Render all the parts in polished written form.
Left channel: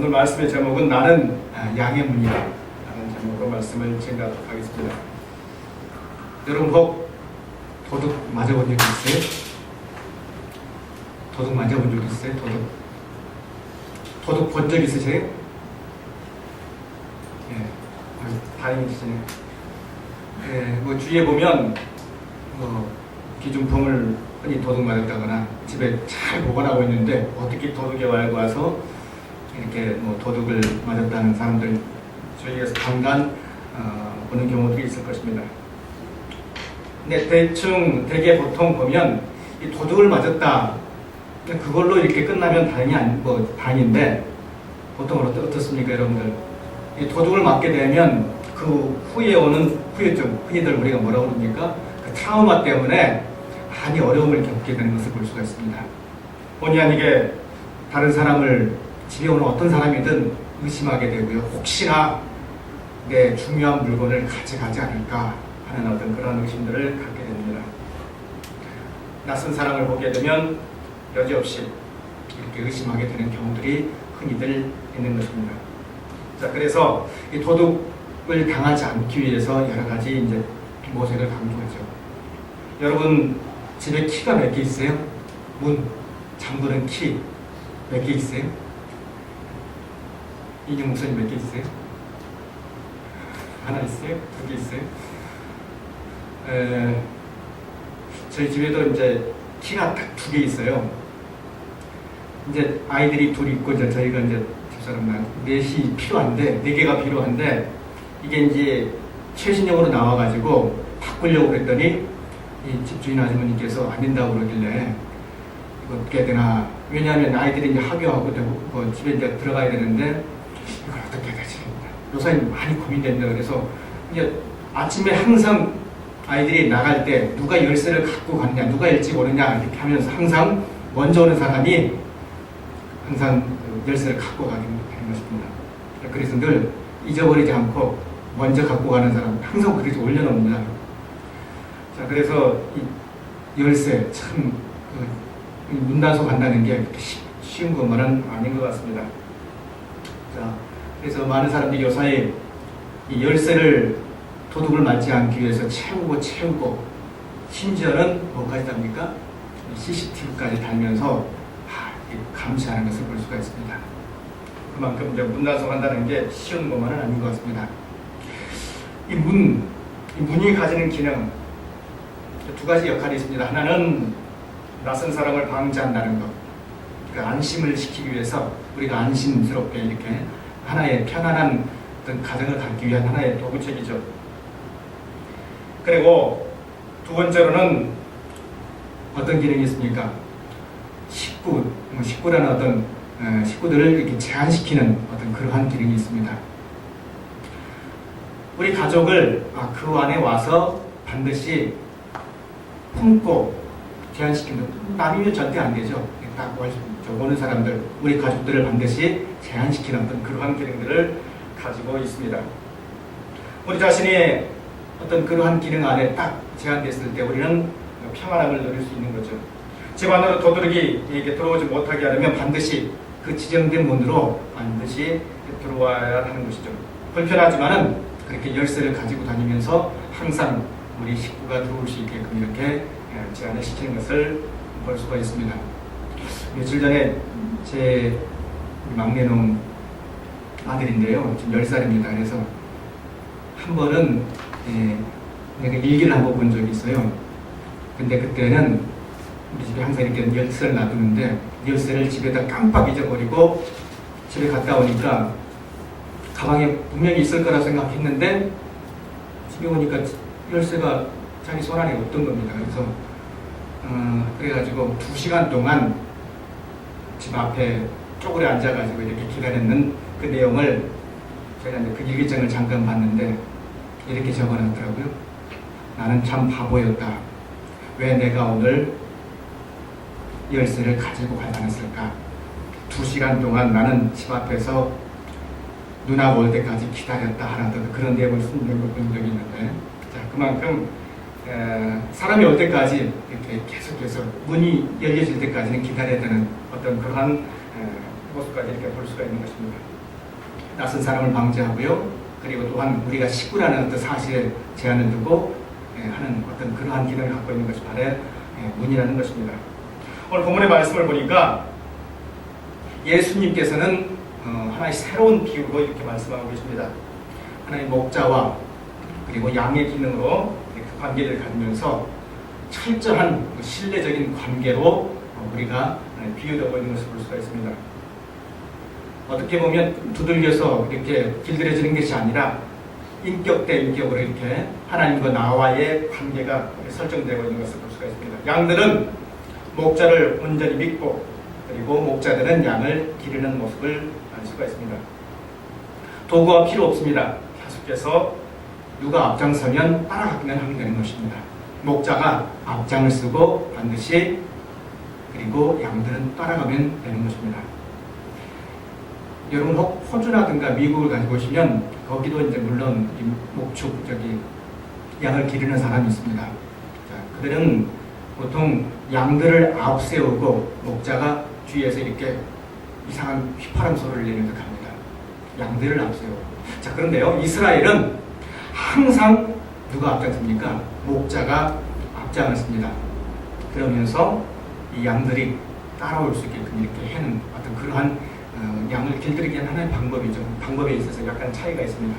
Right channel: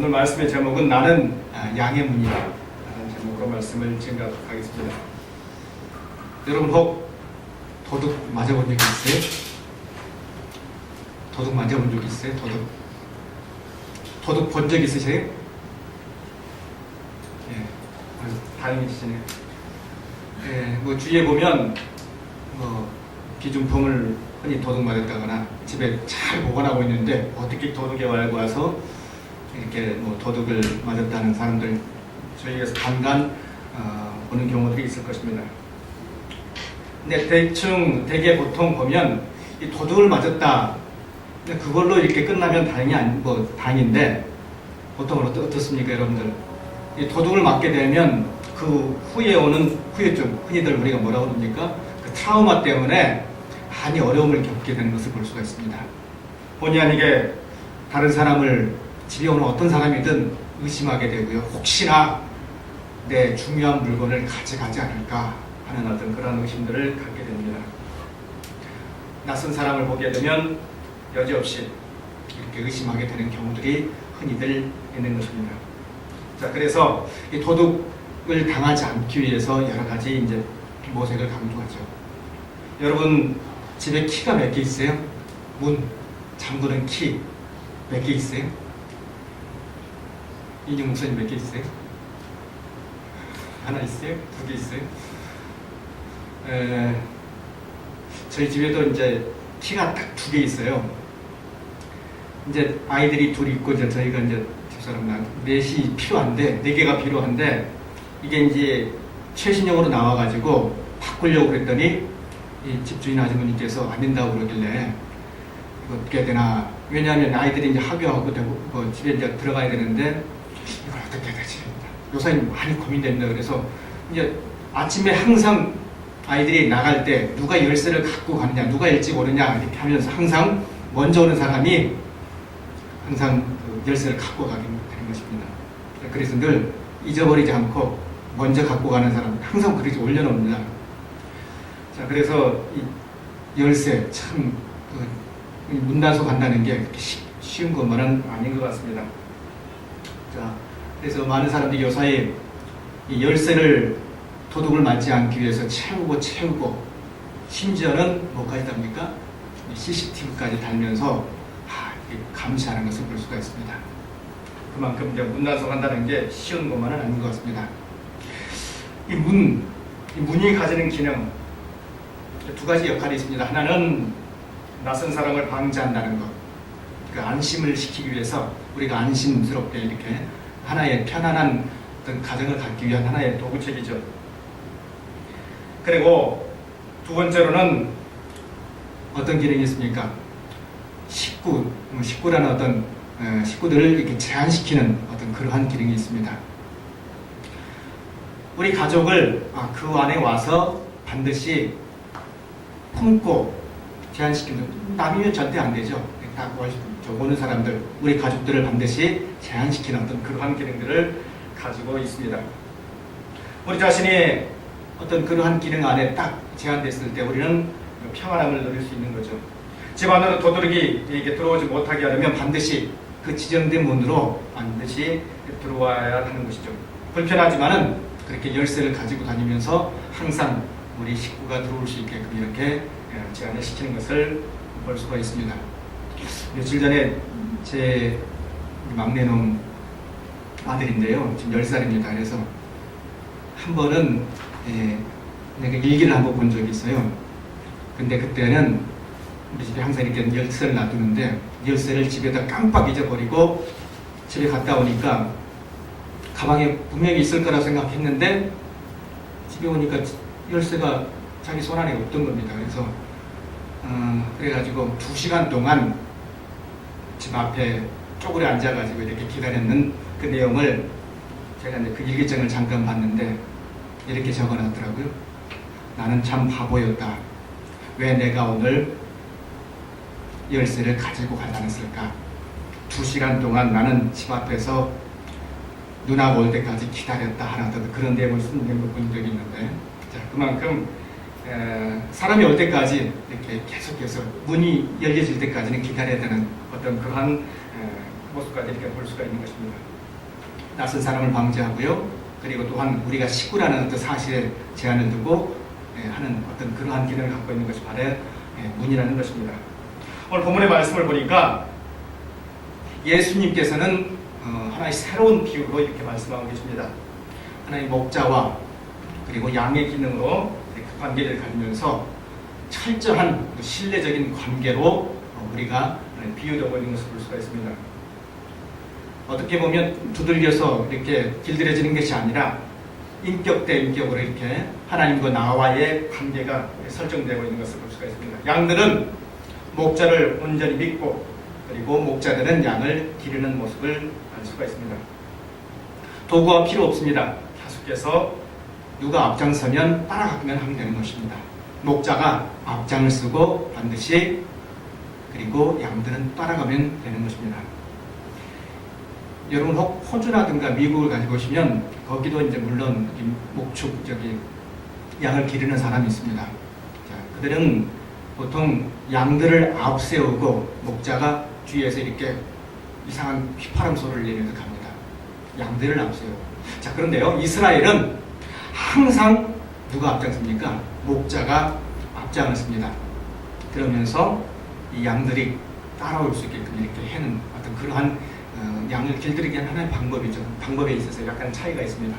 오늘 말씀의 제목은 나는 양의 문이다 라는 제목으로 말씀을 증가하겠습니다. 여러분 혹 도둑 맞아본 적 있어요? 도둑 맞아본 적 있어요? 도둑 본 적 있으세요? 예, 다행이시네요. 예, 뭐 주위에 보면 기중품을 흔히 도둑 맞았다거나 집에 잘 보관하고 있는데 어떻게 도둑이 와서 이렇게 뭐 도둑을 맞았다는 사람들 저희에서 간간 보는 경우들이 있을 것입니다. 근데 대개 보통 보면 이 도둑을 맞았다 그걸로 이렇게 끝나면 다행인데 보통 어떻습니까, 여러분들? 이 도둑을 맞게 되면 그 후에 오는 후유증, 흔히들 우리가 뭐라고 그럽니까? 그 트라우마 때문에 많이 어려움을 겪게 되는 것을 볼 수가 있습니다. 본의 아니게 다른 사람을 집에 오는 어떤 사람이든 의심하게 되고요. 혹시나 내 중요한 물건을 가져가지 않을까 하는 어떤 그런 의심들을 갖게 됩니다. 낯선 사람을 보게 되면 여지없이 이렇게 의심하게 되는 경우들이 흔히들 있는 것입니다. 자, 그래서 이 도둑을 당하지 않기 위해서 여러 가지 이제 모색을 강조하죠. 여러분 집에 키가 몇 개 있어요? 문, 잠그는 키 몇 개 있어요? 인형 목사님 몇 개 있어요? 하나 있어요? 두 개 있어요? 저희 집에도 이제 키가 딱 두 개 있어요. 이제 아이들이 둘이 있고 이제 저희가 이제 집사람랑 넷이 필요한데, 네 개가 필요한데 이게 이제 최신형으로 나와가지고 바꾸려고 그랬더니 이 집주인 아주머니께서 안 된다고 그러길래 이거 어떻게 해야 되나. 왜냐하면 아이들이 이제 학교하고 뭐 집에 이제 들어가야 되는데 이걸 어떻게 해야 되지? 요새 많이 고민된다. 그래서 이제 아침에 항상 아이들이 나갈 때 누가 열쇠를 갖고 가느냐, 누가 일찍 오느냐 이렇게 하면서 항상 먼저 오는 사람이 항상 그 열쇠를 갖고 가게 되는 것입니다. 그래서 늘 잊어버리지 않고 먼저 갖고 가는 사람 항상 그렇게 올려놓습니다. 자, 그래서 이 열쇠 참 문단속 간다는 게 그렇게 쉬운 것만은 아닌 것 같습니다. 자, 그래서 많은 사람들이 요사이 이 열쇠를 도둑을 맞지 않기 위해서 채우고 심지어는 뭐까지 답니까? CCTV까지 달면서 감시하는 것을 볼 수가 있습니다. 그만큼 이제 문단속 한다는 게 쉬운 것만은 아닌 것 같습니다. 이 문이 가지는 기능 두 가지 역할이 있습니다. 하나는 낯선 사람을 방지한다는 것, 그 안심을 시키기 위해서 우리가 안심스럽게 이렇게 하나의 편안한 어떤 가정을 갖기 위한 하나의 도구책이죠. 그리고 두 번째로는 어떤 기능이 있습니까? 식구라는 어떤 식구들을 이렇게 제한시키는 어떤 그러한 기능이 있습니다. 우리 가족을 그 안에 와서 반드시 품고 제한시키는, 남이면 절대 안 되죠. 딱 오는 사람들, 우리 가족들을 반드시 제한시키는 어떤 그러한 기능들을 가지고 있습니다. 우리 자신이 어떤 그러한 기능 안에 딱 제한됐을 때 우리는 평안함을 누릴 수 있는 거죠. 집 안으로 도둑이 이렇게 들어오지 못하게 하려면 반드시 그 지정된 문으로 반드시 들어와야 하는 것이죠. 불편하지만은 그렇게 열쇠를 가지고 다니면서 항상 우리 식구가 들어올 수 있게끔 이렇게 제한을 시키는 것을 볼 수가 있습니다. 며칠 전에 제 막내놈 아들인데요. 지금 10살입니다. 그래서 한 번은 내가 일기를 한번 본 적이 있어요. 근데 그때는 우리 집에 항상 이렇게 열쇠를 놔두는데 열쇠를 집에다 깜빡 잊어버리고 집에 갔다 오니까 가방에 분명히 있을 거라 생각했는데 집에 오니까 열쇠가 자기 손 안에 없던 겁니다. 그래서 그래가지고 2시간 동안 집 앞에 쪼그려 앉아가지고 이렇게 기다렸는 그 내용을 제가 이제 그 일기장을 잠깐 봤는데 이렇게 적어놨더라고요. 나는 참 바보였다. 왜 내가 오늘 열쇠를 가지고 가지 않았을까? 2시간 동안 나는 집 앞에서 누나가 올 때까지 기다렸다 하는 그런 내용을 쓴 걸 본 적이 있는데, 자, 그만큼 사람이 올 때까지 이렇게 계속해서 문이 열려질 때까지는 기다려야 되는 어떤 그러한 모습까지 이렇게 볼 수가 있는 것입니다. 낯선 사람을 방지하고요. 그리고 또한 우리가 식구라는 어떤 사실에 제한을 두고 하는 어떤 그러한 기능을 갖고 있는 것이 바로 문이라는 것입니다. 오늘 본문의 말씀을 보니까 예수님께서는 하나의 새로운 비유로 이렇게 말씀하고 계십니다. 하나의 목자와 그리고 양의 기능으로 그 관계를 가지면서 철저한 신뢰적인 관계로 우리가 비유되고 있는 것을 볼 수가 있습니다. 어떻게 보면 두들겨서 이렇게 길들여지는 것이 아니라 인격 대 인격으로 이렇게 하나님과 나와의 관계가 설정되고 있는 것을 볼 수가 있습니다. 양들은 목자를 온전히 믿고 그리고 목자들은 양을 기르는 모습을 알 수가 있습니다. 도구가 필요 없습니다. 계속해서 누가 앞장서면 따라가기만 하면 되는 것입니다. 목자가 앞장을 쓰고 반드시 그리고 양들은 따라가면 되는 것입니다. 여러분 호주라든가 미국을 가지고 오시면 거기도 이제 물론 목축 양을 기르는 사람이 있습니다. 자, 그들은 보통 양들을 앞세우고 목자가 뒤에서 이렇게 이상한 휘파람 소리를 내면서 갑니다. 양들을 앞세우고. 자, 그런데요, 이스라엘은 항상 누가 앞장섭니까? 목자가 앞장을 씁니다. 그러면서 이 양들이 따라올 수 있게끔 이렇게 해는 어떤 그러한 양을 길들이기 위한 하나의 방법에 있어서 약간 차이가 있습니다.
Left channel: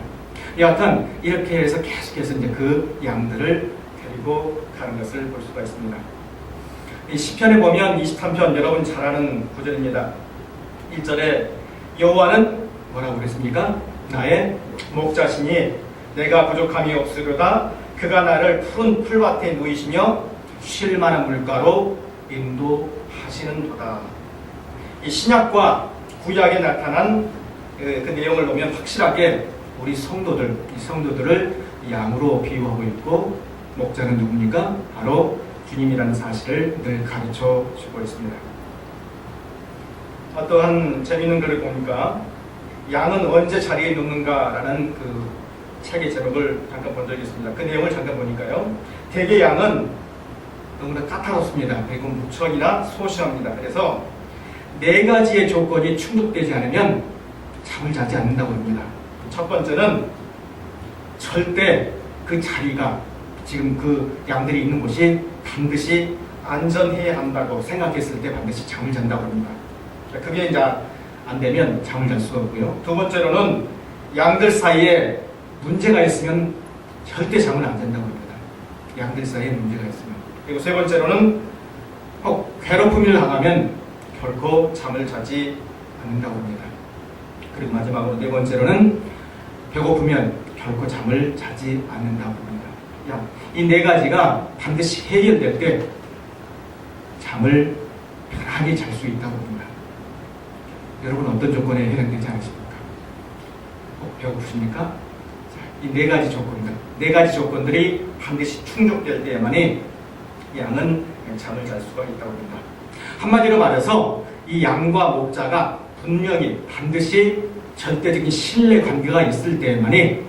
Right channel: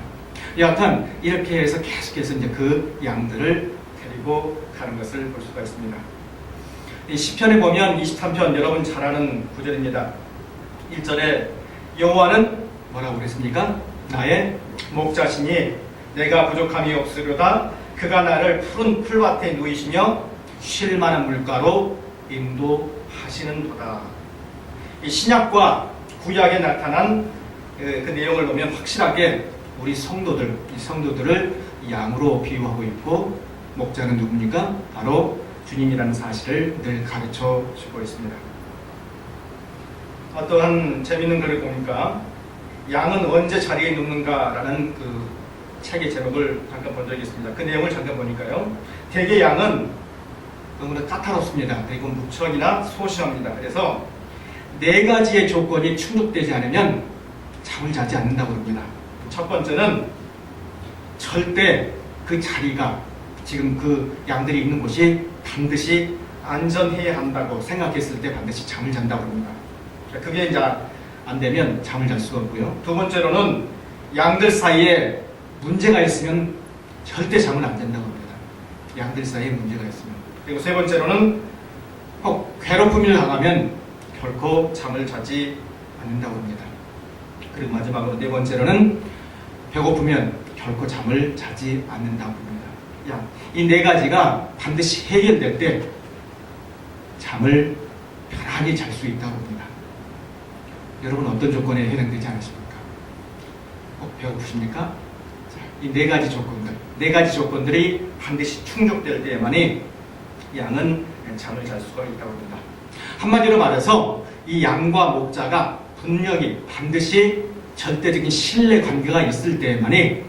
여하튼 이렇게 해서 계속해서 이제 그 양들을 데리고 가는 것을 볼 수가 있습니다. 이 시편에 보면 23편 여러분 잘 아는 구절입니다. 1절에 여호와는 뭐라고 그랬습니까? 나의 목자시니 내가 부족함이 없으려다. 그가 나를 푸른 풀밭에 누이시며 쉴 만한 물가로 인도하시는도다. 이 신약과 구약에 나타난 그 내용을 보면 확실하게 우리 성도들을 양으로 비유하고 있고 목자는 누굽니까? 바로 주님이라는 사실을 늘 가르쳐 주고 있습니다. 어떠한 재미있는 글을 보니까 양은 언제 자리에 눕는가라는 그 책의 제목을 잠깐 본 적이 있습니다. 그 내용을 잠깐 보니까요. 대개 양은 너무나 까다롭습니다. 그리고 무척이나 소심합니다. 그래서 4가지의 조건이 충족되지 않으면 잠을 자지 않는다고 합니다. 첫 번째는 절대 그 자리가 지금 그 양들이 있는 곳이 반드시 안전해야 한다고 생각했을 때 반드시 잠을 잔다고 합니다. 그게 이제 안 되면 잠을 잘 수가 없고요. 두 번째로는 양들 사이에 문제가 있으면 절대 잠을 안 잔다고 합니다. 양들 사이에 문제가 있으면. 그리고 세 번째로는 혹 괴롭힘을 당하면 결코 잠을 자지 않는다고 합니다. 그리고 마지막으로 4번째로는 배고프면 결코 잠을 자지 않는다고 합니다. 이 4가지가 반드시 해결될 때 잠을 편하게 잘 수 있다고 합니다. 여러분 어떤 조건에 해당되지 않으십니까? 배고프십니까? 이 4가지 조건들, 4가지 조건들이 반드시 충족될 때만이 양은 잠을 잘 수가 있다고 합니다. 한마디로 말해서 이 양과 목자가 분명히 반드시 절대적인 신뢰 관계가 있을 때만이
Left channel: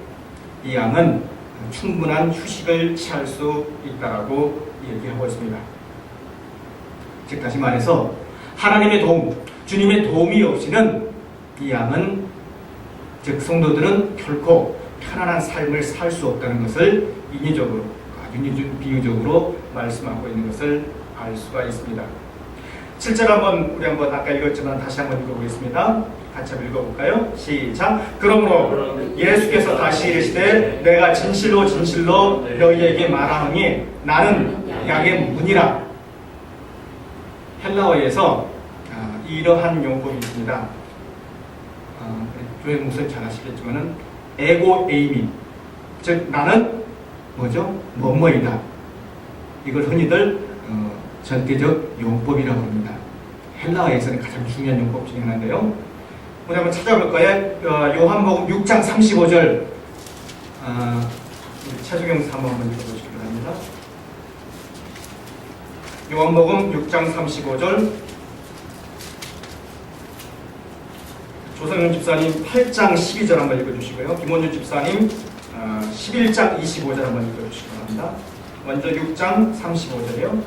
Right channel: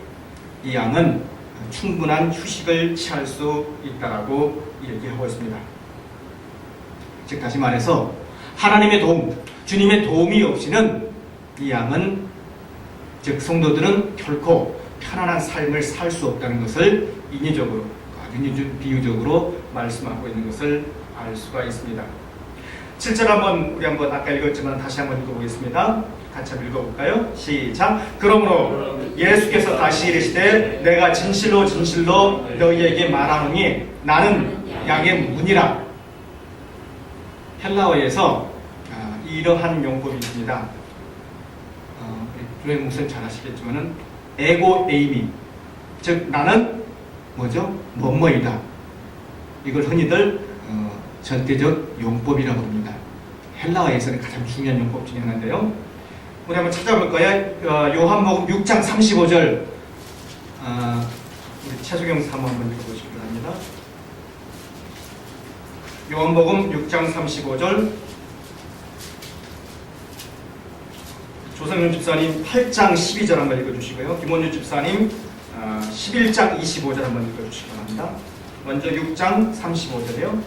이 양은 충분한 휴식을 취할 수 있다라고 얘기하고 있습니다. 즉 다시 말해서 하나님의 도움, 주님의 도움이 없이는 이 양은 즉 성도들은 결코 편안한 삶을 살 수 없다는 것을 인유적으로 아주 비유적으로 말씀하고 있는 것을 알 수가 있습니다. 7절 우리 한번 아까 읽었지만 다시 한번 읽어보겠습니다. 같이 한번 읽어볼까요? 시작. 그러므로 예수께서 다시 이르시되 내가 진실로 진실로 너희에게 말하노니 나는 양의 문이라. 헬라어에서 이러한 용법이 있습니다. 교회 목사님 잘 아시겠지만은 에고 에이미, 즉 나는 뭐죠? 뭐뭐이다. 이걸 흔히들 절대적 용법이라고 합니다. 헬라어에서는 가장 중요한 용법 중에 하나인데요. 우리 한번 찾아볼까요? 요한복음 6장 35절 최수경 사모 한번 읽어보시기 바랍니다. 요한복음 6장 35절 조성윤 집사님 8장 12절 한번 읽어주시고요. 김원주 집사님 11장 25절 한번 읽어주시기 바랍니다. 먼저 6장 35절이요.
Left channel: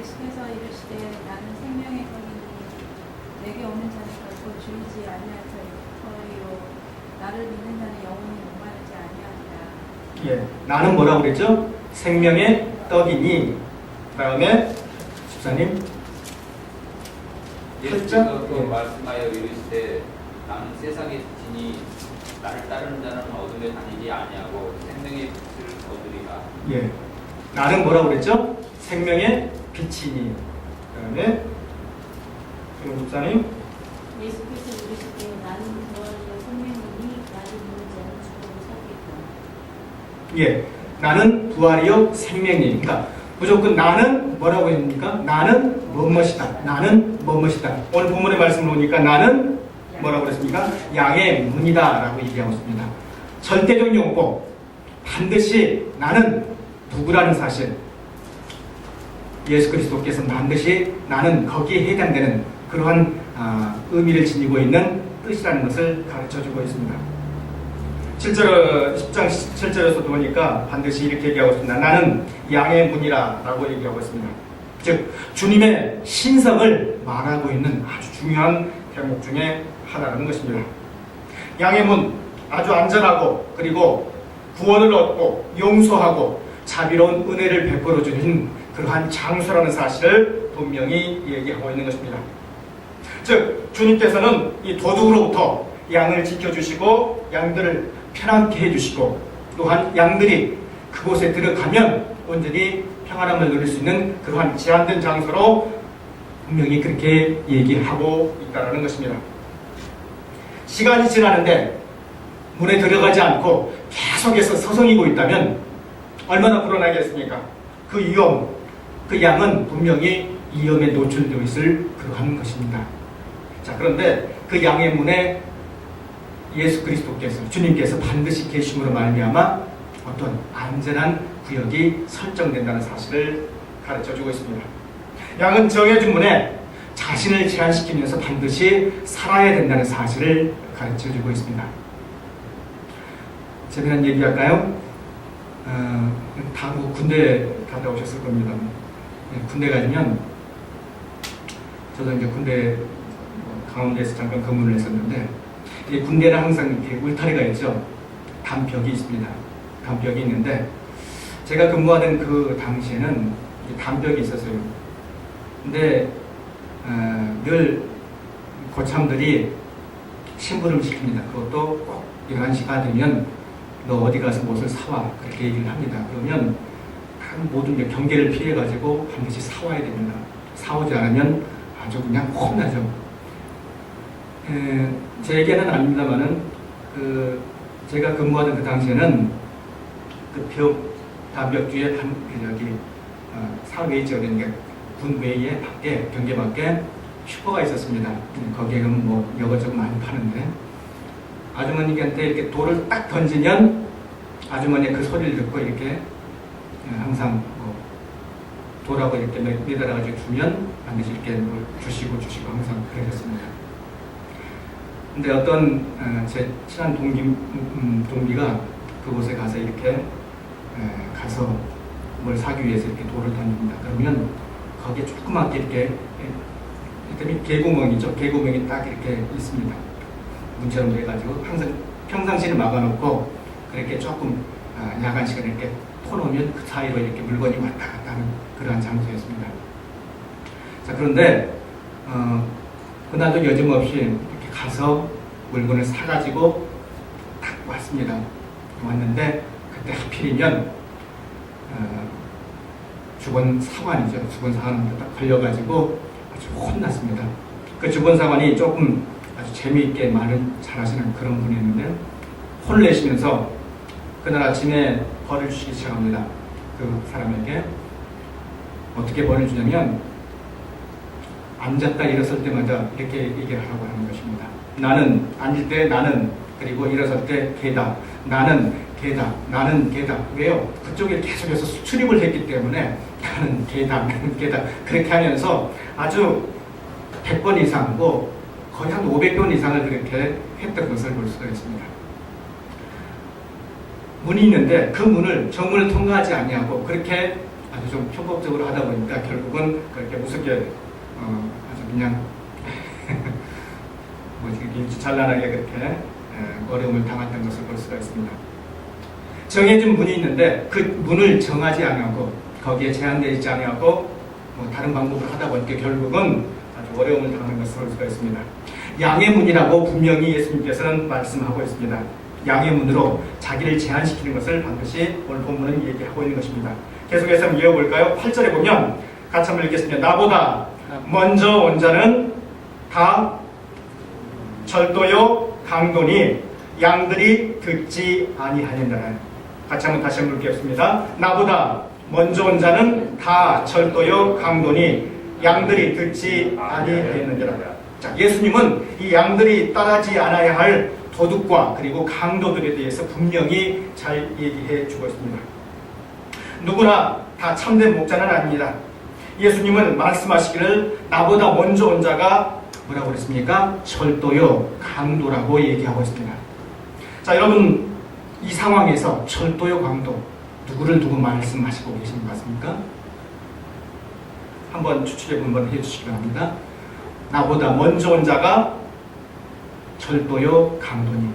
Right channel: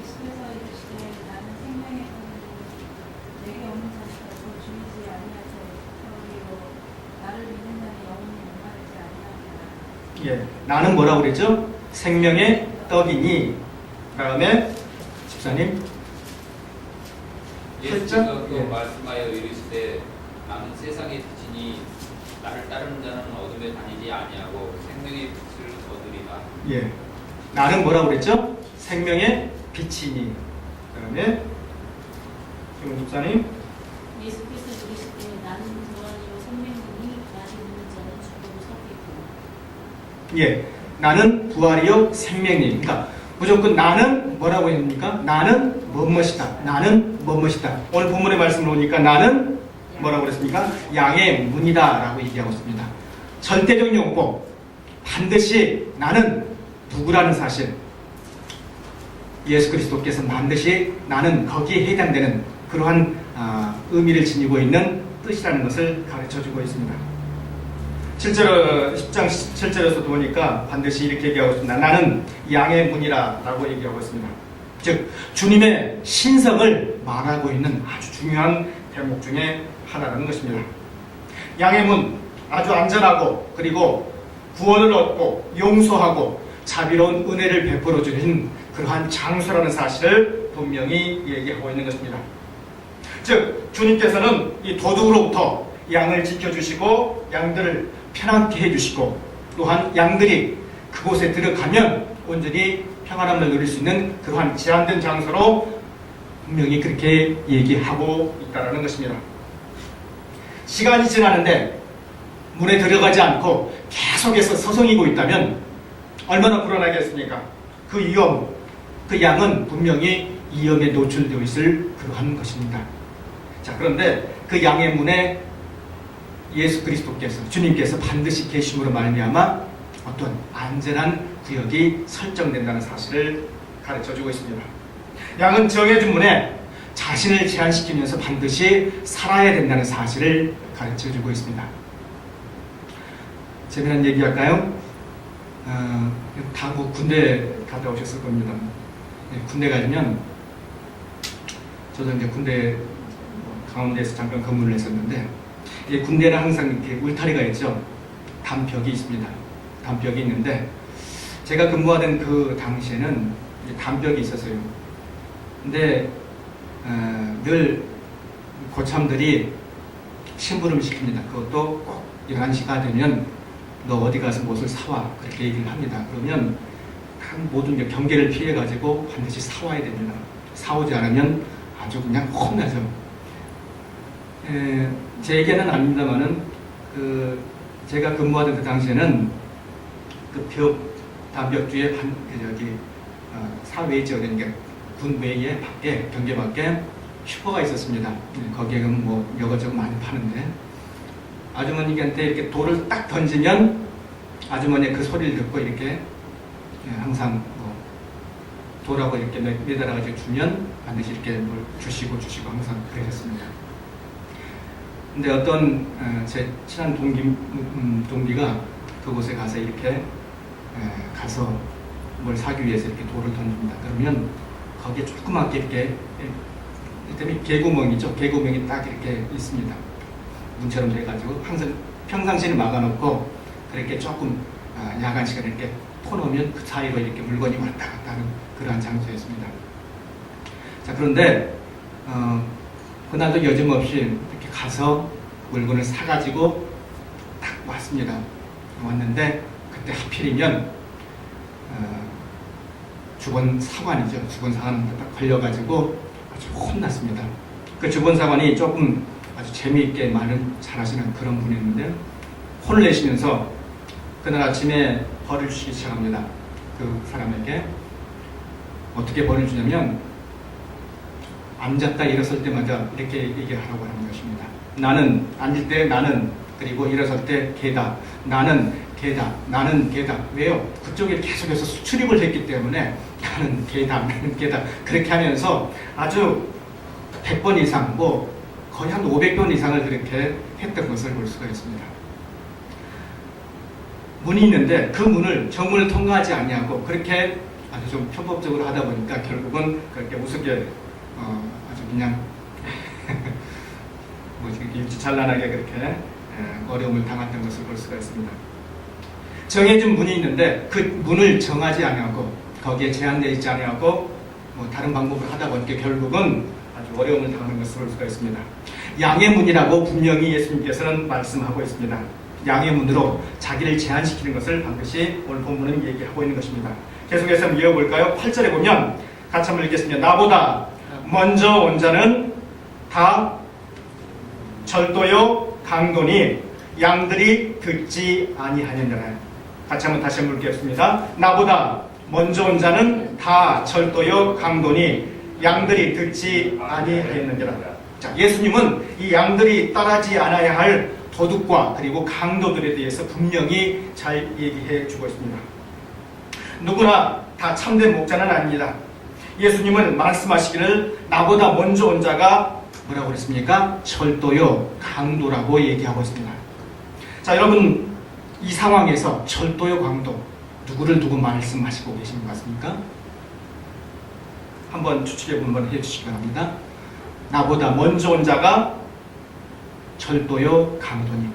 예수께서 이르시되 나는 생명의 떡이니 내게 오는 자는 결코 예, 나는 뭐라고 그랬죠? 생명의 떡이니. 다음에 집사님. 예수께서 그 예. 말씀하여 이르시되 나는 세상의 빛이니 나를 따르는 자는 어둠에 다니지 아니하고 생명의 빛을 얻으리라. 예, 나는 뭐라고 그랬죠? 생명의 빛이니. 그다음에 그럼 집사님. 예수께서 이르시되 나는 부활이요 생명이니 나를 믿는 자는 죽어도 살겠고. 예, 나는 부활이요 생명이니. 그러니까 무조건 나는 뭐라고 했습니까? 나는 무엇이다. 나는 무엇이다. 오늘 본문의 말씀을 보니까 나는 뭐라고 그랬습니까? 양의 문이다 라고 얘기하고 있습니다. 절대적 용법, 반드시 나는 누구라는 사실, 예수 그리스도께서 반드시 나는 거기에 해당되는 그러한 의미를 지니고 있는 뜻이라는 것을 가르쳐주고 있습니다. 10장 7절에서도 보니까 반드시 이렇게 얘기하고 있습니다. 나는 양의 문이라 라고 얘기하고 있습니다. 즉 주님의 신성을 말하고 있는 아주 중요한 대목 중에 하나라는 것입니다. 양의 문, 아주 안전하고 그리고 구원을 얻고 용서하고 자비로운 은혜를 베풀어 주는 그러한 장소라는 사실을 분명히 얘기하고 있는 것입니다. 즉 주님께서는 이 도둑으로부터 양을 지켜주시고 양들을 편안케 해주시고 또한 양들이 그곳에 들어가면 온전히 평안함을 누릴 수 있는 그러한 제한된 장소로 분명히 그렇게 얘기하고 있다는 것입니다. 시간이 지나는데 문에 들어가지 않고 계속해서 서성이고 있다면 얼마나 불안하겠습니까? 그 위험, 그 양은 분명히 위험에 노출되어 있을 그러한 것입니다. 자, 그런데 그 양의 문에 예수 그리스도께서, 주님께서 반드시 계심으로 말미암아 어떤 안전한 구역이 설정된다는 사실을 가르쳐주고 있습니다. 양은 정해진 문에 자신을 제한시키면서 반드시 살아야 된다는 사실을 가르쳐주고 있습니다. 재미난 얘기 할까요? 다 군대 갔다 오셨을 겁니다. 네, 군대 가면 저도 이제 군대 강원도에서 잠깐 근무를 했었는데 군대는 항상 이렇게 울타리가 있죠. 담벽이 있습니다. 담벽이 있는데 제가 근무하던 그 당시에는 담벽이 있었어요. 근데 늘 고참들이 심부름을 시킵니다. 그것도 꼭 11시가 되면 너 어디 가서 무엇을 사와 그렇게 얘기를 합니다. 그러면 모든 경계를 피해가지고 반드시 사와야 됩니다. 사오지 않으면 아주 그냥 혼나죠. 제 얘기는 아닙니다만은 제가 근무하던 그 당시에는 그 담벽 뒤에 사외 지역에 군 외에 밖에 경계 밖에 슈퍼가 있었습니다. 거기에는 뭐 여것저것 많이 파는데 아주머니한테 이렇게 돌을 딱 던지면 아주머니 그 소리를 듣고 이렇게 항상 돌하고 이렇게 매달아가지고 주면 반드시 이렇게 뭘 주시고 항상 그러셨습니다. 근데 어떤 제 친한 동기가 그곳에 가서 이렇게 가서 뭘 사기 위해서 이렇게 돌을 던집니다. 그러면 거기에 조그맣게 이렇게 때문에 개구멍이죠. 개구멍이 딱 이렇게 있습니다. 문처럼 돼가지고 항상 평상시에는 막아놓고 그렇게 조금 야간 시간에 이렇게 터놓으면 그 사이로 이렇게 물건이 왔다 갔다 하는 그러한 장소였습니다. 자, 그런데 그날도 여지없이 이렇게 가서 물건을 사가지고 딱 왔습니다. 왔는데 그때 하필이면 주본사관이죠. 주본사관한테 딱 걸려가지고 아주 혼났습니다. 그 주본사관이 조금 아주 재미있게 말을 잘하시는 그런 분이었는데 혼을 내시면서 그날 아침에 벌을 주시기 시작합니다. 그 사람에게 어떻게 벌을 주냐면 앉았다 일어설 때마다 이렇게 얘기하라고 하는 것입니다. 나는 앉을 때 나는, 그리고 일어설 때 개다, 나는 개다, 나는 개다. 왜요? 그쪽에 계속해서 수출입을 했기 때문에 나는 개다, 나는 개다 그렇게 하면서 아주 100번 이상 거의 한 500번 이상을 그렇게 했던 것을 볼 수가 있습니다. 문이 있는데 그 문을 정문을 통과하지 아니하고 그렇게 아주 좀 편법적으로 하다 보니까 결국은 그렇게 우습게 아주 그냥 일주찬란하게 그렇게 어려움을 당했던 것을 볼 수가 있습니다. 정해진 문이 있는데 그 문을 정하지 아니하고 거기에 제한되어 있지 아니하고 뭐 다른 방법을 하다 보니까 결국은 아주 어려움을 당하는 것을 볼 수가 있습니다. 양의 문이라고 분명히 예수님께서는 말씀하고 있습니다. 양의 문으로 자기를 제한시키는 것을 반드시 오늘 본문은 얘기하고 있는 것입니다. 계속해서 한번 이어볼까요? 8절에 보면 같이 한번 읽겠습니다. 나보다 먼저 온 자는 다 절도요 강도니 양들이 듣지 아니하느니라. 같이 한번 다시 한번 읽겠습니다. 나보다 먼저 온 자는 다 절도요 강도니 양들이 듣지 아니하였느니라. 자, 예수님은 이 양들이 따르지 않아야 할 도둑과 그리고 강도들에 대해서 분명히 잘 얘기해 주고 있습니다. 누구나 다 참된 목자는 아닙니다. 예수님은 말씀하시기를 나보다 먼저 온 자가 뭐라고 그랬습니까? 절도요 강도라고 얘기하고 있습니다. 자, 여러분 이 상황에서 절도요 강도 누구를 두고 말씀하시고 계신 것 같습니까? 한번 추측해 한번 해주시기 바랍니다. 나보다 먼저 온 자가 절도요 강도니.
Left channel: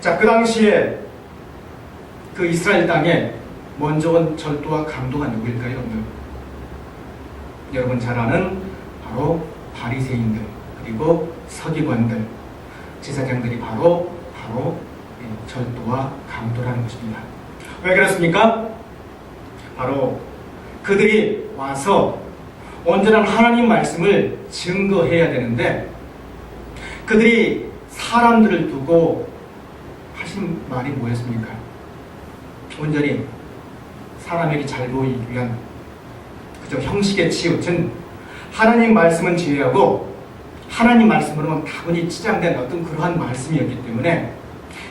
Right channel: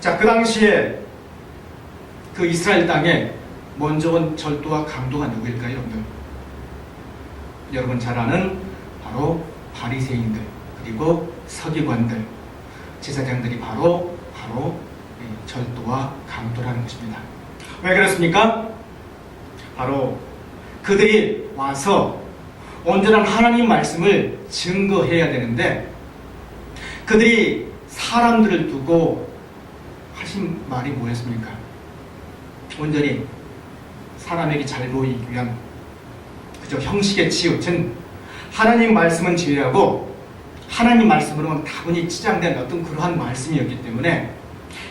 자, 그 당시에 그 이스라엘 땅에 먼저 온 절도와 강도가 누구일까요, 여러분? 여러분 잘 아는 바로 바리새인들 그리고 서기관들 제사장들이 바로 절도와 강도라는 것입니다. 왜 그렇습니까? 바로 그들이 와서 온전한 하나님 말씀을 증거해야 되는데 그들이 사람들을 두고 하신 말이 뭐였습니까? 온전히 사람에게 잘 보이기 위한 그저 형식에 치우친 하나님 말씀은 제외하고 하나님 말씀으로는 다분히 치장된 어떤 그러한 말씀이었기 때문에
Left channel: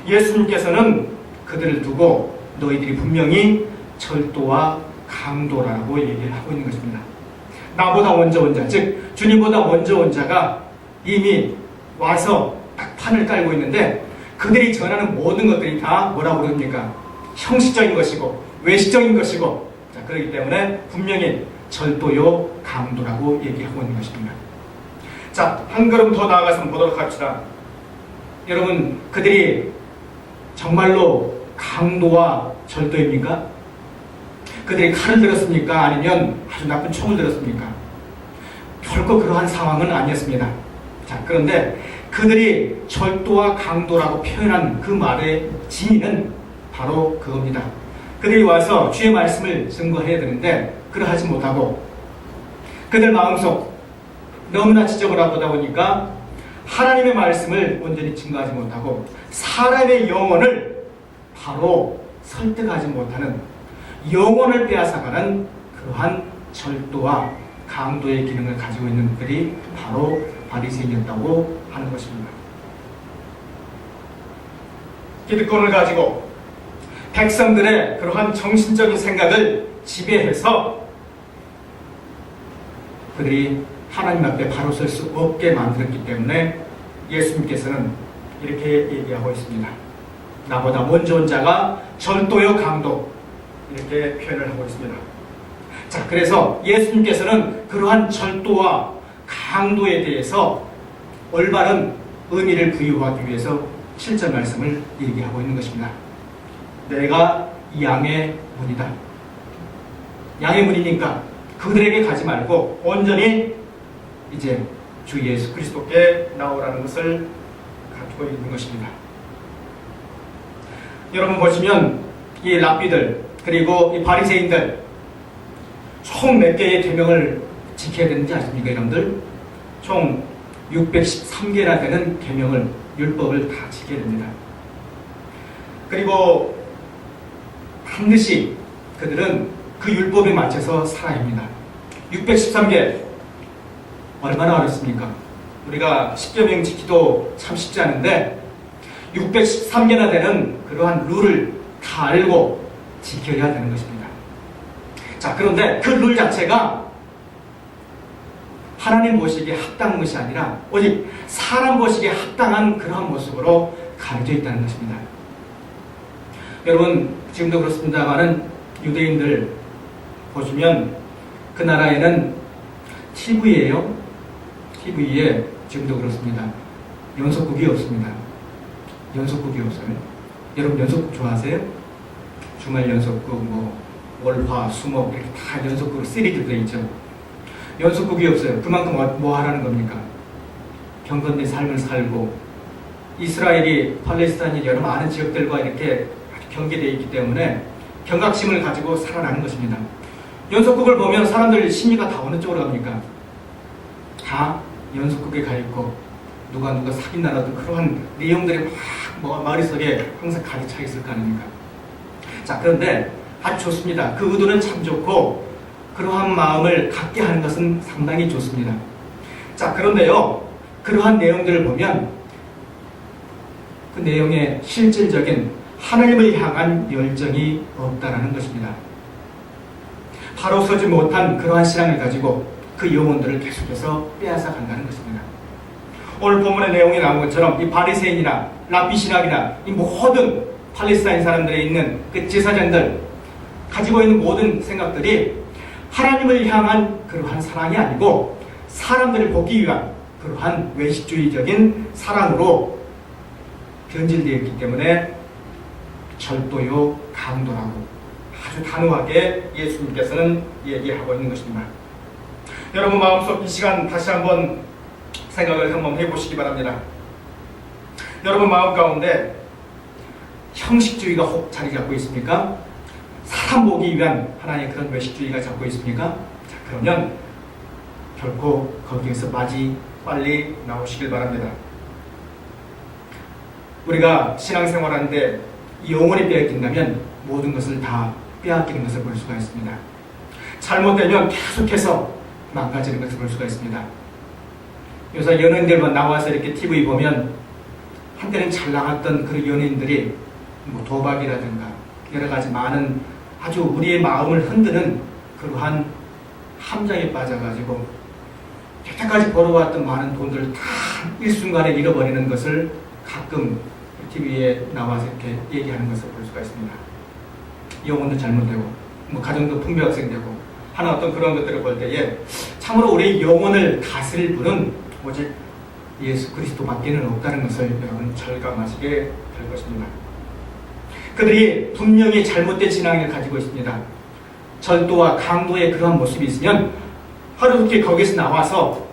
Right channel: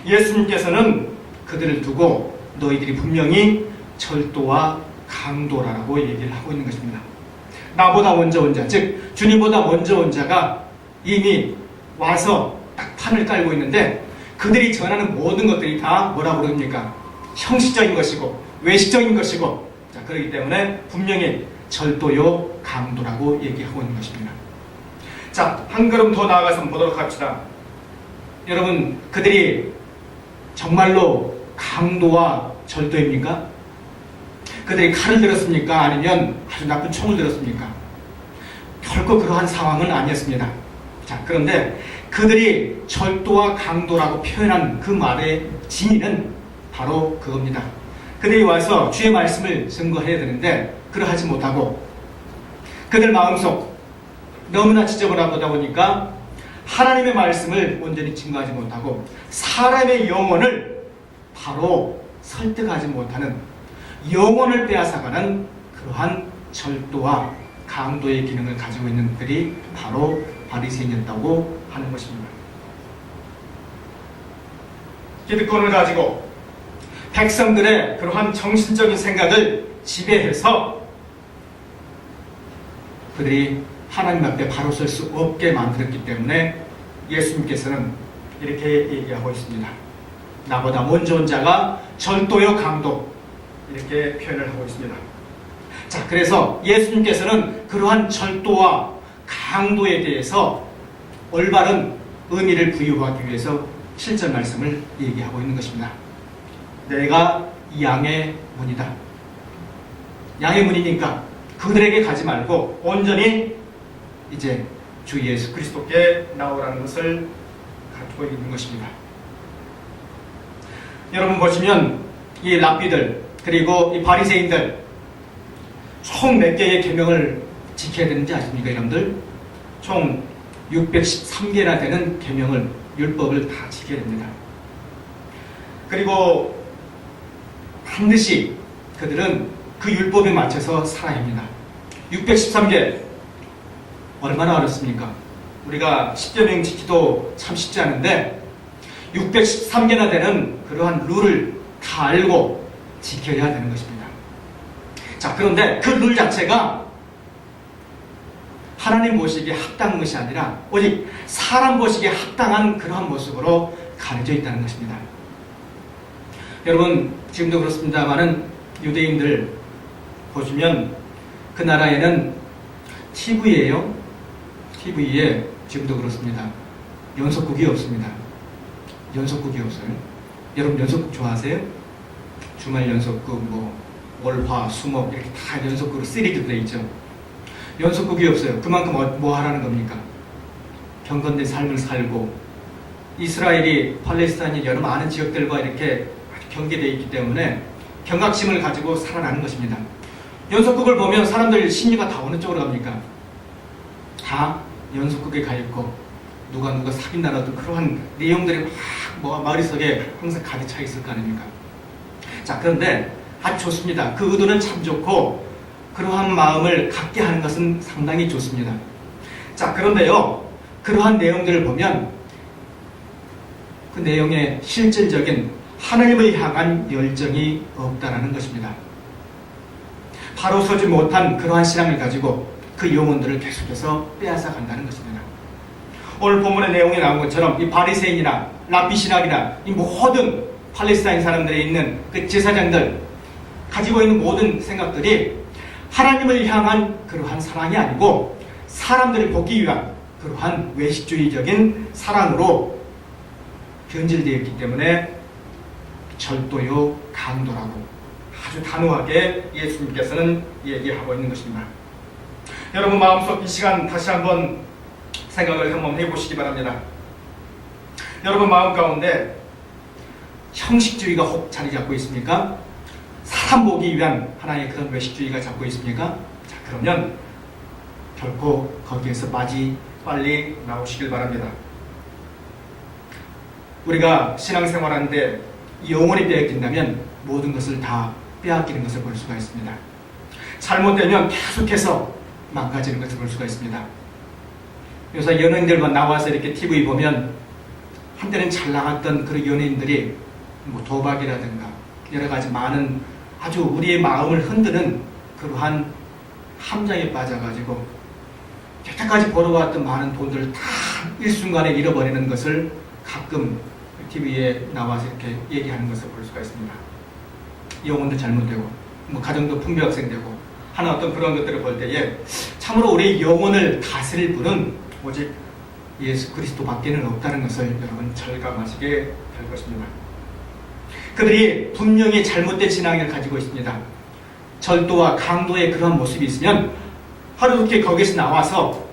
예수님께서는 그들을 두고 너희들이 분명히 절도와 강도라고 얘기를 하고 있는 것입니다. 나보다 먼저 온 자, 즉 주님보다 먼저 온 자가 이미 와서 딱 판을 깔고 있는데 그들이 전하는 모든 것들이 다 뭐라고 그럽니까? 형식적인 것이고 외식적인 것이고, 자, 그렇기 때문에 분명히 절도요 강도라고 얘기하고 있는 것입니다. 자, 한 걸음 더 나아가서 보도록 합시다. 여러분, 그들이 정말로 강도와 절도입니까? 그들이 칼을 들었습니까? 아니면 아주 나쁜 총을 들었습니까? 결코 그러한 상황은 아니었습니다. 자, 그런데 그들이 절도와 강도라고 표현한 그 말의 진위는 바로 그겁니다. 그들이 와서 주의 말씀을 증거해야 되는데 그러하지 못하고 그들 마음속 너무나 지저분하다 보니까 하나님의 말씀을 온전히 증거하지 못하고 사람의 영혼을 바로 설득하지 못하는 영혼을 빼앗아가는 그러한 절도와 강도의 기능을 가지고 있는 그들이 바로 바리새인이었다고 하는 것입니다. 기득권을 가지고 백성들의 그러한 정신적인 생각을 지배해서 그들이 하나님 앞에 바로 설 수 없게 만들었기 때문에 예수님께서는 이렇게 얘기하고 있습니다. 나보다 먼저 온 자가 절도요 강도, 이렇게 표현을 하고 있습니다. 자, 그래서 예수님께서는 그러한 절도와 강도에 대해서 올바른 의미를 부여하기 위해서 7절 말씀을 얘기하고 있는 것입니다. 내가 이 양의 문이다. 양의 문이니까 그들에게 가지 말고 온전히 이제 주 예수 그리스도께 나오라는 것을 갖고 있는 것입니다. 여러분 보시면 이 랍비들 그리고 이 바리새인들 총 몇 개의 계명을 지켜야 되는지 아십니까, 여러분들? 총 613개나 되는 계명을, 율법을 다 지켜야 됩니다. 그리고 반드시 그들은 그 율법에 맞춰서 살아야 합니다. 613개 얼마나 어렵습니까? 우리가 10계명 지키도 참 쉽지 않은데 613개나 되는 그러한 룰을 다 알고 지켜야 되는 것입니다. 자, 그런데 그 룰 자체가 하나님 보시기에 합당한 것이 아니라 오직 사람 보시기에 합당한 그러한 모습으로 가려져 있다는 것입니다. 여러분, 지금도 그렇습니다만은 유대인들 보시면 그 나라에는 TV에 지금도 그렇습니다. 연속극이 없습니다. 연속극이 없어요. 여러분 연속극 좋아하세요? 주말 연속극, 뭐 월화, 수목 이렇게 다 연속극으로 시리즈 돼 있죠. 연속극이 없어요. 그만큼 뭐 하라는 겁니까? 경건된 삶을 살고 이스라엘이 팔레스타인이 여러 많은 지역들과 이렇게 아주 경계되어 있기 때문에 경각심을 가지고 살아나는 것입니다. 연속극을 보면 사람들 심리가 다 어느 쪽으로 갑니까? 다 연속극에 가 있고 누가 사귄다는 그러한 내용들이 막 머릿속에 항상 가득 차 있을 거 아닙니까? 자, 그런데 아주 좋습니다. 그 의도는 참 좋고 그러한 마음을 갖게 하는 것은 상당히 좋습니다. 자, 그런데요, 그러한 내용들을 보면 그 내용에 실질적인 하나님을 향한 열정이 없다라는 것입니다. 바로 서지 못한 그러한 신앙을 가지고 그 영혼들을 계속해서 빼앗아 간다는 것입니다. 오늘 본문의 내용에 나온 것처럼 이 바리새인이나 랍비 신학이나 이 모든 팔레스타인 사람들이 있는 그 제사장들 가지고 있는 모든 생각들이 하나님을 향한 그러한 사랑이 아니고 사람들을 돕기 위한 그러한 외식주의적인 사랑으로 변질되어 있기 때문에 절도요 강도라고 아주 단호하게 예수님께서는 얘기하고 있는 것입니다. 여러분 마음속 이 시간 다시 한번 생각을 한번 해보시기 바랍니다. 여러분 마음 가운데 형식주의가 혹 자리 잡고 있습니까? 사람 보기 위한 하나의 그런 외식주의가 잡고 있습니까? 자, 그러면 결코 거기에서 빨리 나오시길 바랍니다. 우리가 신앙생활하는데 영혼이 빼앗긴다면 모든 것을 다 빼앗기는 것을 볼 수가 있습니다. 잘못되면 계속해서 망가지는 것을 볼 수가 있습니다. 요새 연예인들만 나와서 이렇게 TV 보면 한때는 잘 나갔던 그런 연예인들이 뭐 도박이라든가 여러 가지 많은 아주 우리의 마음을 흔드는 그러한 함정에 빠져가지고 여태까지 벌어왔던 많은 돈들을 다 일순간에 잃어버리는 것을 가끔 TV에 나와서 이렇게 얘기하는 것을 볼 수가 있습니다. 영혼도 잘못되고 뭐 가정도 풍비박생되고 하는 어떤 그런 것들을 볼 때에 참으로 우리 영혼을 다스릴 분은 오직 예수 그리스도밖에는 없다는 것을 여러분 절감하시게 될 것입니다. 그들이 분명히 잘못된 신앙을 가지고 있습니다. 절도와 강도의 그러한 모습이 있으면 하루속히 거기서 나와서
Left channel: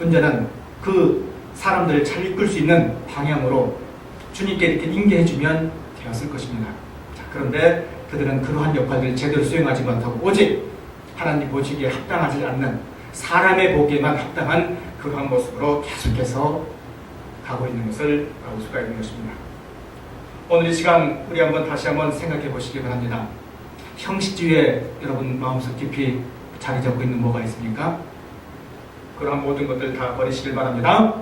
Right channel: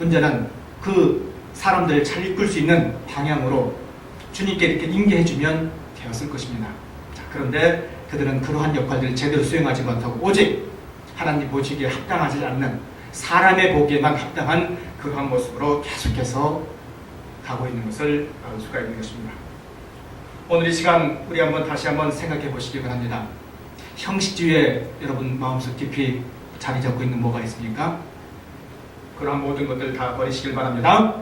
온전한 그 사람들을 잘 이끌 수 있는 방향으로 주님께 이렇게 인계해주면 되었을 것입니다. 자, 그런데 그들은 그러한 역할들을 제대로 수행하지 못하고 오직 하나님 보시기에 합당하지 않는 사람의 보기에만 합당한 그러한 모습으로 계속해서 가고 있는 것을 알 수가 있는 것입니다. 오늘 이 시간 우리 다시 한번 생각해 보시기 바랍니다. 형식주의에 여러분 마음속 깊이 자리 잡고 있는 뭐가 있습니까? 그러한 모든 것들 다 버리시길 바랍니다.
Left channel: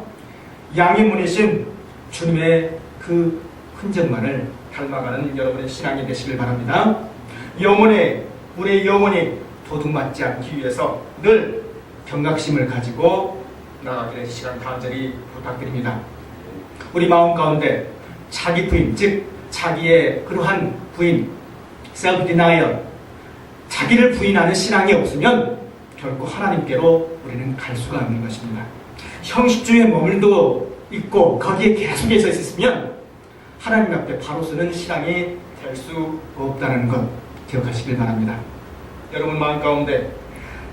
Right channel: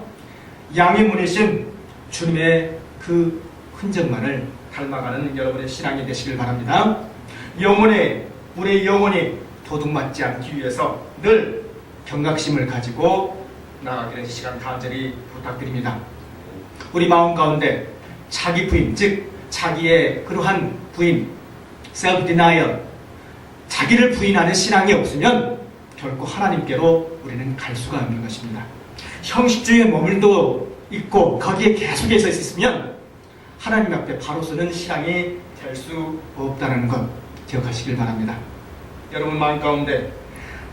양의 문이신 주님의 그 흔적만을 닮아가는 여러분의 신앙이 되시길 바랍니다. 우리의 영혼이 도둑맞지 않기 위해서 늘 경각심을 가지고 나아가기를 시간 간절히 부탁드립니다. 우리 마음 가운데 자기 부인, 즉 자기의 그러한 부인, self-denial, 자기를 부인하는 신앙이 없으면 결코 하나님께로 우리는 갈 수가 없는 것입니다. 형식주의에 머물도 있고 거기에 계속해서 있으면 하나님 앞에 바로 서는 신앙이 될 수 없다는 것 기억하시길 바랍니다. 여러분 마음 가운데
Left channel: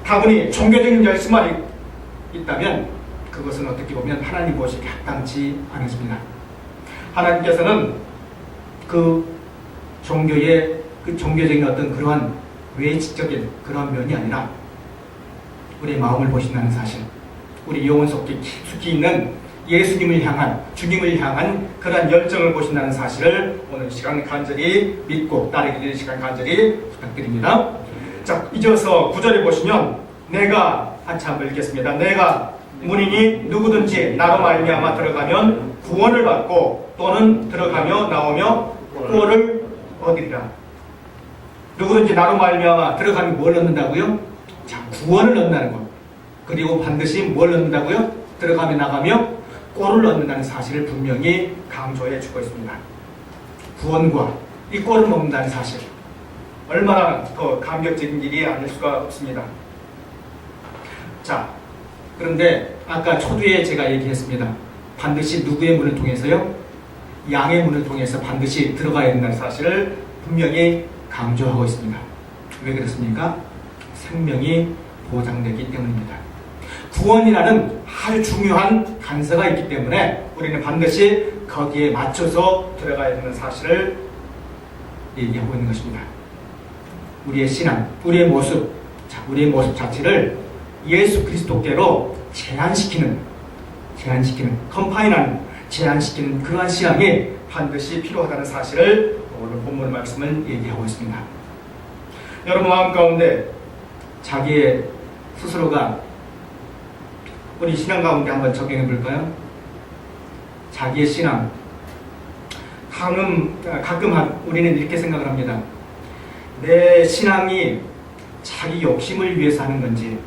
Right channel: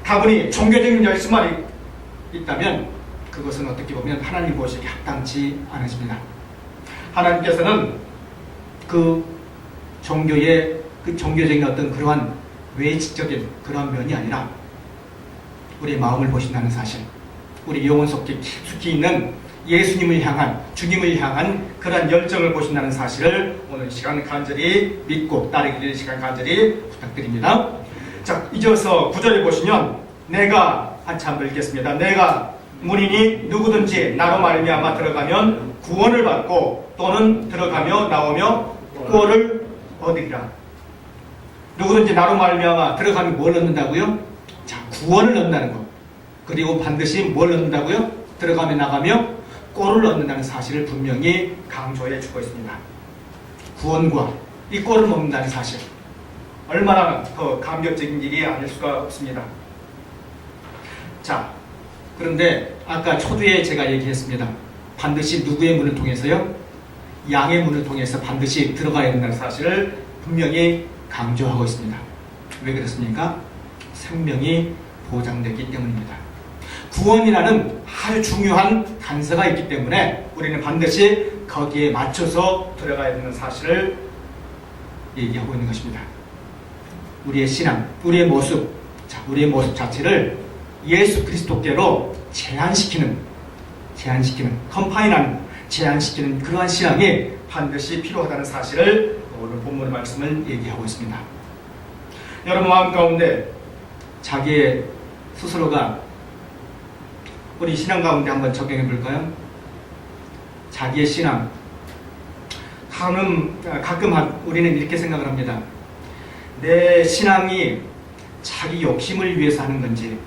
다분히 종교적인 열심만 있다면 그것은 어떻게 보면 하나님 보시기에 합당치 않으십니다. 하나님께서는 그 종교적인 어떤 그러한 외식적인 그러한 면이 아니라 우리의 마음을 보신다는 사실, 우리 영혼 속에 깊숙이 있는 예수님을 향한, 주님을 향한 그러한 열정을 보신다는 사실을 오늘 시간 간절히 믿고 따르기를 시간 간절히 부탁드립니다. 자, 이어서 9절에 보시면 내가 한참 읽겠습니다. 내가 문이니 누구든지 나로 말미암아 들어가면 구원을 받고 또는 들어가며 나오며 꼴을 얻으리라. 누구든지 나로 말미암아 들어가면 뭘 얻는다고요? 자, 구원을 얻는다는 것. 그리고 반드시 뭘 얻는다고요? 들어가며 나가며 꼴을 얻는다는 사실을 분명히 강조해 주고 있습니다. 구원과 이 꼴을 먹는다는 사실, 얼마나 더 감격적인 일이 아닐 수가 없습니다. 자, 그런데 아까 초두에 제가 얘기했습니다. 반드시 누구의 문을 통해서요? 양의 문을 통해서 반드시 들어가야 된다는 사실을 분명히 강조하고 있습니다. 왜 그렇습니까? 생명이 보장되기 때문입니다. 구원이라는 아주 중요한 단서가 있기 때문에 우리는 반드시 거기에 맞춰서 들어가야 되는 사실을 얘기하고 있는 것입니다. 우리의 신앙, 우리의 모습, 우리의 모습 자체를 예수 그리스도께로 제한시키는, 컴파인하는, 제한시키는 그러한 신앙이 반드시 필요하다는 사실을 오늘 본문 말씀을 얘기하고 있습니다. 여러분 마음 가운데 자기의 스스로가 우리 신앙 가운데 한번 적용해 볼까요? 자기의 신앙. 가끔 우리는 이렇게 생각을 합니다. 내 신앙이 자기 욕심을 위해서 하는 건지,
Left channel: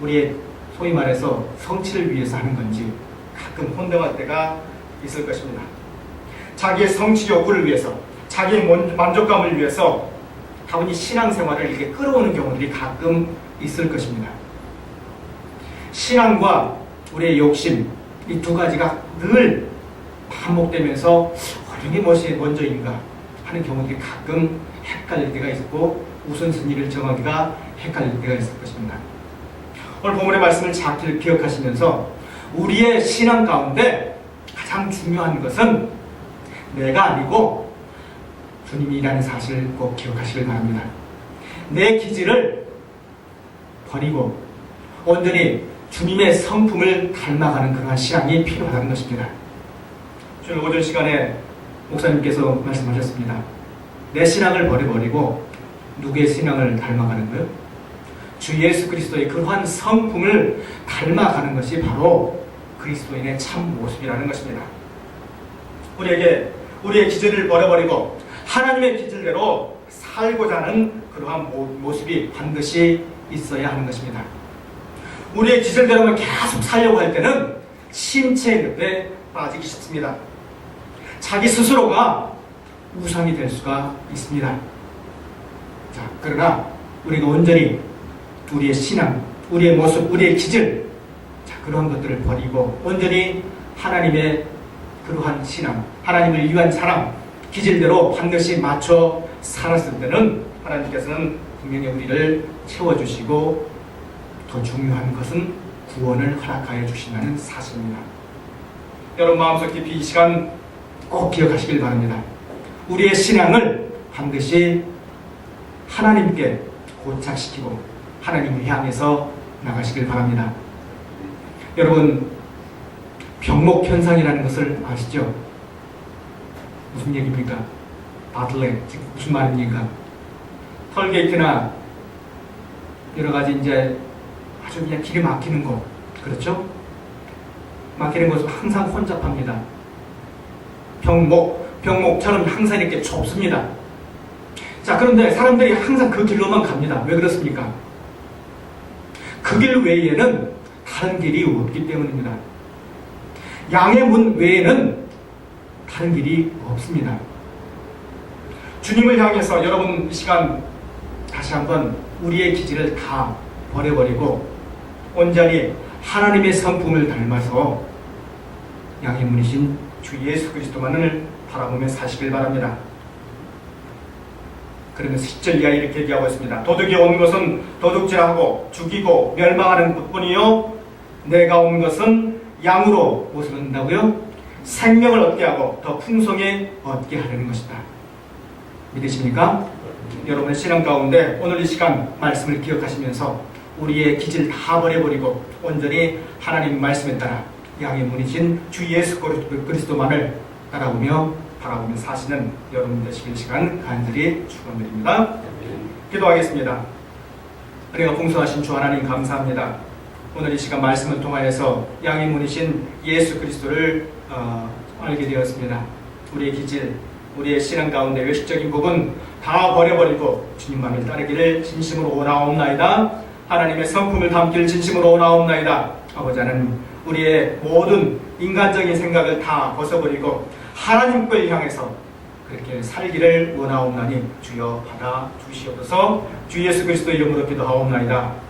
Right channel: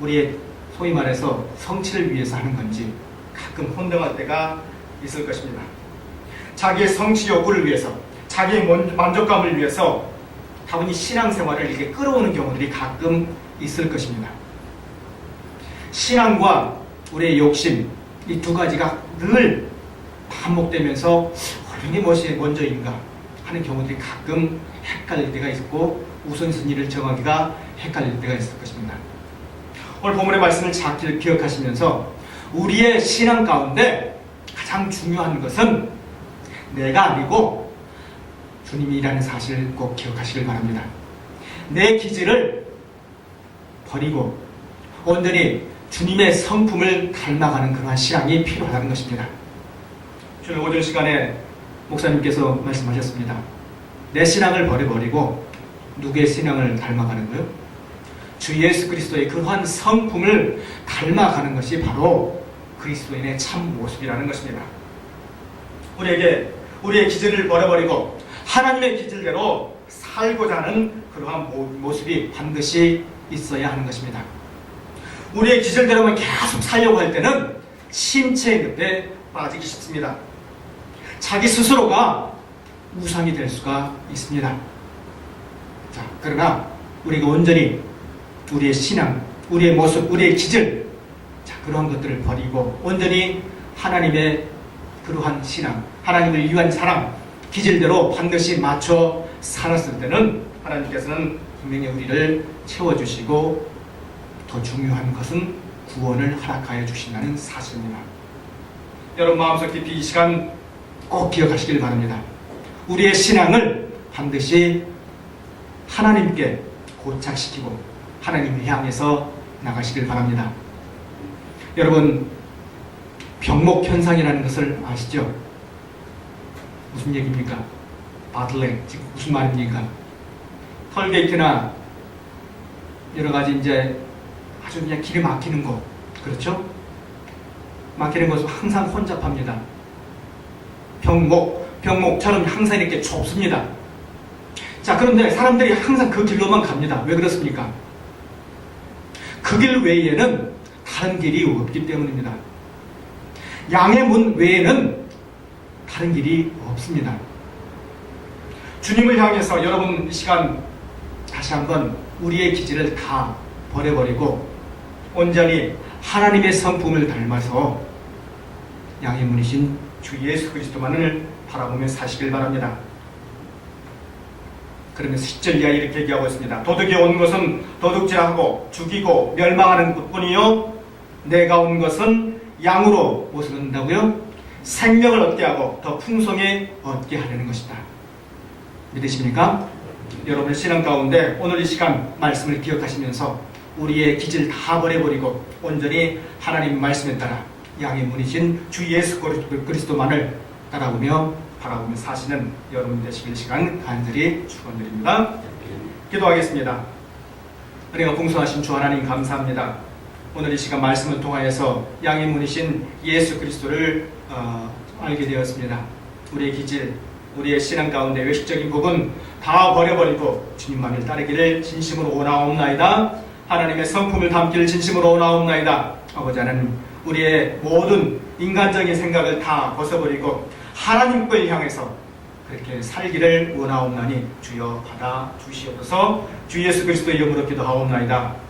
우리의 소위 말해서 성취를 위해서 하는 건지 가끔 혼동할 때가 있을 것입니다. 자기의 성취 욕구를 위해서, 자기의 만족감을 위해서 다분히 신앙생활을 이렇게 끌어오는 경우들이 가끔 있을 것입니다. 신앙과 우리의 욕심, 이 두 가지가 늘 반복되면서 어느 것이 먼저인가 하는 경우들이 가끔 헷갈릴 때가 있고 우선순위를 정하기가 헷갈릴 때가 있을 것입니다. 오늘 본문의 말씀을 잘 기억하시면서 우리의 신앙 가운데 가장 중요한 것은 내가 아니고 주님이라는 사실을 꼭 기억하시길 바랍니다. 내 기질을 버리고 온전히 주님의 성품을 닮아가는 그러한 신앙이 필요하다는 것입니다. 오늘 오전 시간에 목사님께서 말씀하셨습니다. 내 신앙을 버려버리고 누구의 신앙을 닮아가는 거요? 주 예수 그리스도의 그러한 성품을 닮아가는 것이 바로 그리스도인의 참 모습이라는 것입니다. 우리에게 우리의 기질을 버려버리고 하나님의 기질대로 살고자 하는 그러한 모습이 반드시 있어야 하는 것입니다. 우리의 기질대로만 계속 살려고 할 때는 심체의 늪에 빠지기 쉽습니다. 자기 스스로가 우상이 될 수가 있습니다. 자, 그러나 우리가 온전히 우리의 신앙, 우리의 모습, 우리의 기질, 그러한 것들을 버리고 온전히 하나님의 그러한 신앙, 하나님을 위한 사랑, 기질대로 반드시 맞춰 살았을 때는 하나님께서는 분명히 우리를 채워주시고 더 중요한 것은 구원을 허락하여 주신다는 사실입니다. 여러분 마음속 깊이 이 시간 꼭 기억하시길 바랍니다. 우리의 신앙을 반드시 하나님께 고착시키고 하나님을 향해서 나가시길 바랍니다. 여러분 병목 현상이라는 것을 아시죠? 무슨 얘기입니까? 바틀렉, 지금 무슨 말입니까? 털게이트나 여러 가지 이제 아주 그냥 길이 막히는 거, 그렇죠? 막히는 것은 항상 혼잡합니다. 병목처럼 항상 이렇게 좁습니다. 자, 그런데 사람들이 항상 그 길로만 갑니다. 왜 그렇습니까? 그 길 외에는 다른 길이 없기 때문입니다. 양의 문 외에는 다른 길이 없습니다. 주님을 향해서 여러분 이 시간 다시 한번 우리의 기질을 다 버려버리고 온전히 하나님의 성품을 닮아서 양의 문이신 주 예수 그리스도만을 바라보며 사시길 바랍니다. 그러면서 10절 이하에 이렇게 얘기하고 있습니다. 도둑이 온 것은 도둑질하고 죽이고 멸망하는 것뿐이요 내가 온 것은 양으로 무엇을 얻는다고요? 생명을 얻게 하고 더 풍성에 얻게 하려는 것이다. 믿으십니까? 여러분의 신앙 가운데 오늘 이 시간 말씀을 기억하시면서 우리의 기질 다 버려버리고 온전히 하나님 말씀에 따라 양의 문이신 주 예수 그리스도만을 따라오며 바라보며 사시는 여러분 되시길 시간 간절히 축원드립니다. 기도하겠습니다. 우리가 풍성하신 주 하나님 감사합니다. 오늘 이 시간 말씀을 통하여서 양의 문이신 예수 그리스도를 알게 되었습니다. 우리의 기질, 우리의 신앙 가운데 외식적인 부분 다 버려버리고 주님만을 따르기를 진심으로 원하옵나이다. 하나님의 성품을 담기를 진심으로 원하옵나이다. 아버지 하나님, 우리의 모든 인간적인 생각을 다 벗어버리고 하나님을 향해서 그렇게 살기를 원하옵나니 주여 받아 주시옵소서. 주 예수 그리스도의 이름으로 기도하옵나이다.